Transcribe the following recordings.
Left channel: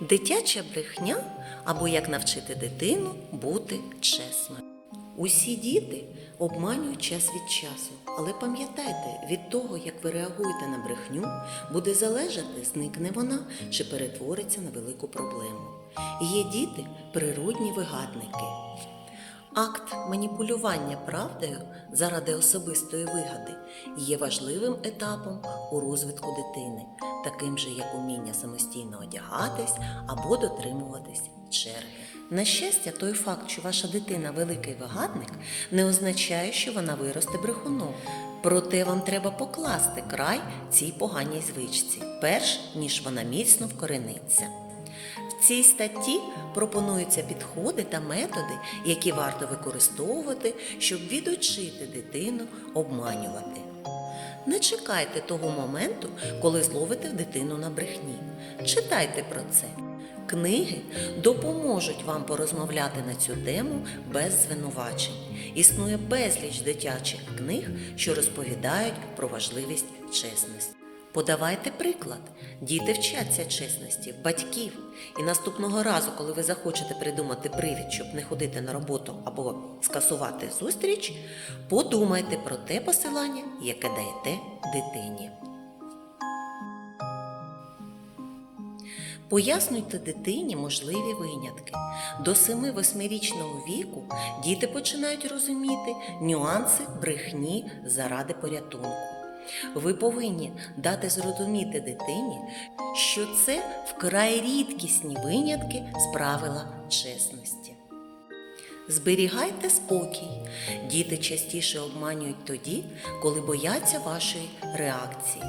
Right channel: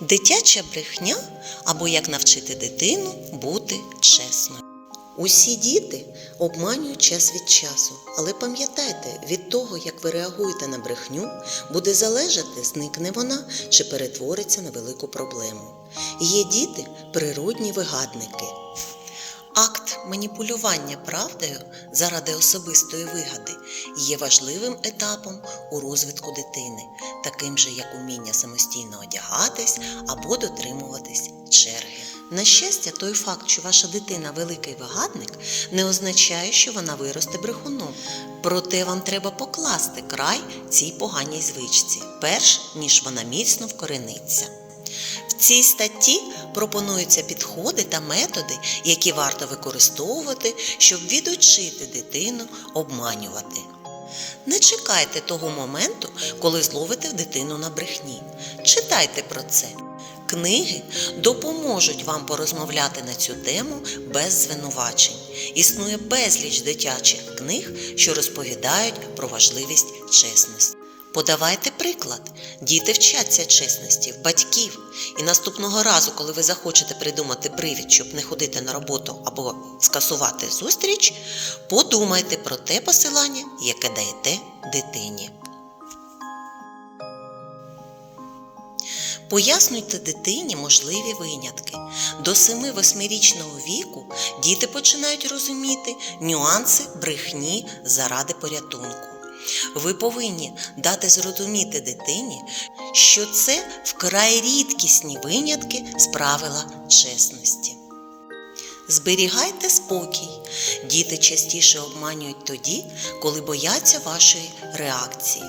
Дитяча брехня або як навчити дитину бути чесною. Усі діти обманюють час від часу, але пам'ятайте, від того, як ви реагуєте на брехню, буде залежати, зникне вона чи перетвориться на велику проблему. Є діти природні вигадники. Акт маніпулювання правдою заради особистої вигади є важливим етапом у розвитку дитини, таким же як уміння самостійно одягатись або дотримуватись черги. На щастя, той факт, що ваша дитина великий вигадник, не означає, що вона виросте брехуном. Проте вам треба покласти край цій поганій звичці, перш ніж вона міцно вкорениться. В цій статті пропонуються підходи та методи, які варто використовувати, щоб відучити дитину обманювати. Не чекайте того моменту, коли зловите дитину на брехні. Читайте про це. Книги допоможуть вам порозмовляти на цю тему без звинувачень. Існує безліч дитячих книг, що розповідають про важливість чесності. Подавайте приклад. Діти вчаться чесності в батьків. І наступного разу, коли ви захочете придумати привід, щоб не ходити на роботу або скасувати зустріч, подумайте про те посилання, яке даєте дитині. Пояснюйте дитині можливі винятки. До 7-8-річного віку діти починають розуміти нюанси брехні заради порятунку. Ви повинні дати зрозуміти дитині, що це вкрай рідкісні винятки з правила чесності. Зберігайте спокій. Діти частіше обманюють тоді, коли бояться вашої реакції.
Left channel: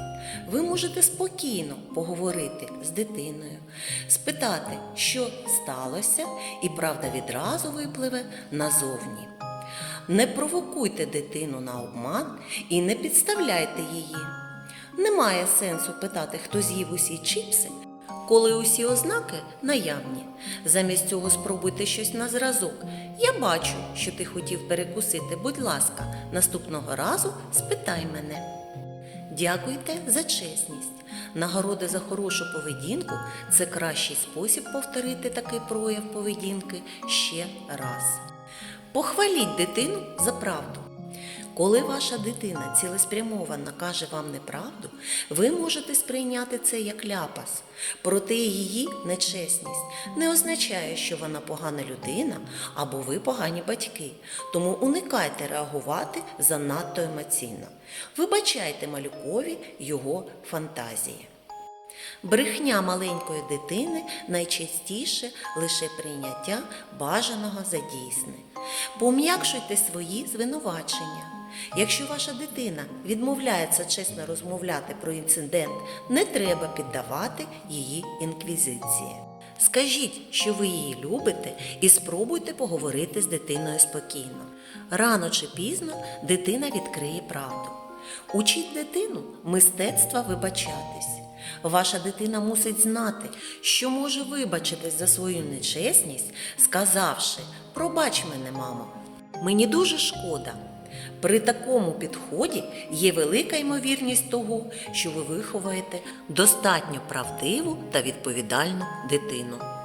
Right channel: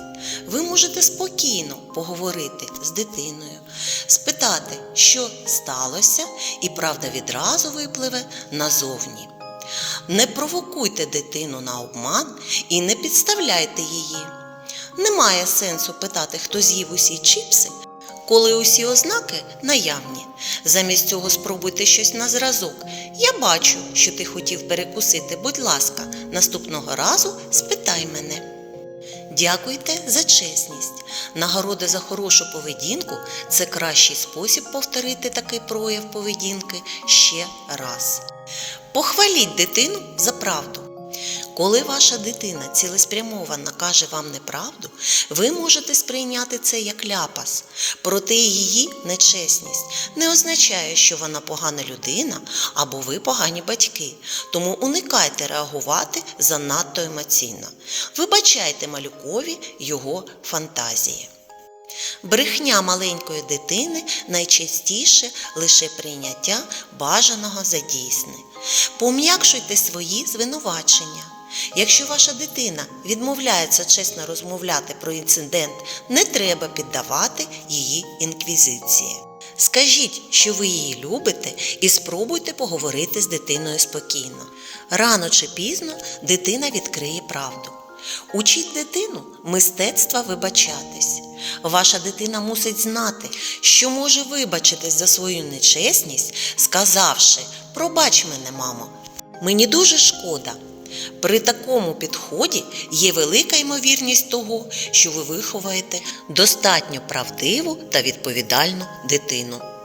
Ви можете спокійно поговорити з дитиною, спитати, що сталося, і правда відразу випливе назовні. Не провокуйте дитину на обман і не підставляйте її. Немає сенсу питати, хто з'їв усі чіпси, коли усі ознаки наявні. Замість цього спробуйте щось на зразок. Я бачу, що ти хотів перекусити. Будь ласка, наступного разу спитай мене. Дякуйте за чесність. Нагорода за хорошу поведінку це кращий спосіб повторити такий прояв поведінки ще раз. Похваліть дитину за правду. Коли ваша дитина цілеспрямовано каже вам неправду, ви можете сприйняти це як ляпас. Проте її нечесність не означає, що вона погана людина або ви погані батьки. Тому уникайте реагувати занадто емоційно. Вибачайте малюкові його фантазії. Брехня маленької дитини найчастіше лише прийняття бажаного за дійсне. Пом'якшуйте свої звинувачення. Якщо ваша дитина відмовляється чесно розмовляти про інцидент, не треба піддавати її інквізиції. Скажіть, що ви її любите, і спробуйте поговорити з дитиною спокійно. Рано чи пізно дитина відкриє правду. Учіть дитину мистецтва вибачатись. Ваша дитина мусить знати, що може вибачитись за свою нечесність, сказавши Пробач мене, мамо, мені дуже шкода. При такому підході є велика ймовірність того, що ви виховаєте достатньо правдиву та відповідальну дитину.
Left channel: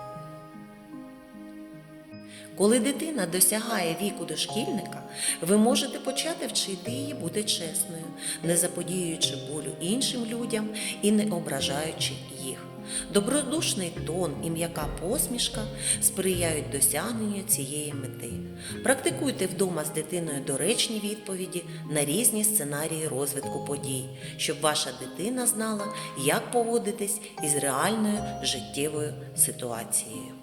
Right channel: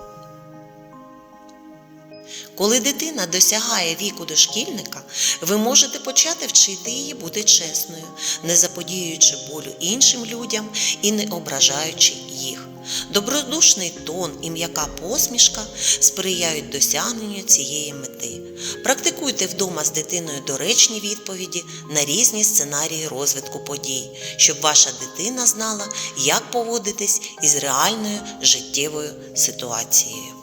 Коли дитина досягає віку дошкільника, ви можете почати вчити її бути чесною, не заподіюючи болю іншим людям і не ображаючи їх. Добродушний тон і м'яка посмішка сприяють досягненню цієї мети. Практикуйте вдома з дитиною доречні відповіді на різні сценарії розвитку подій, щоб ваша дитина знала, як поводитись із реальною життєвою ситуацією.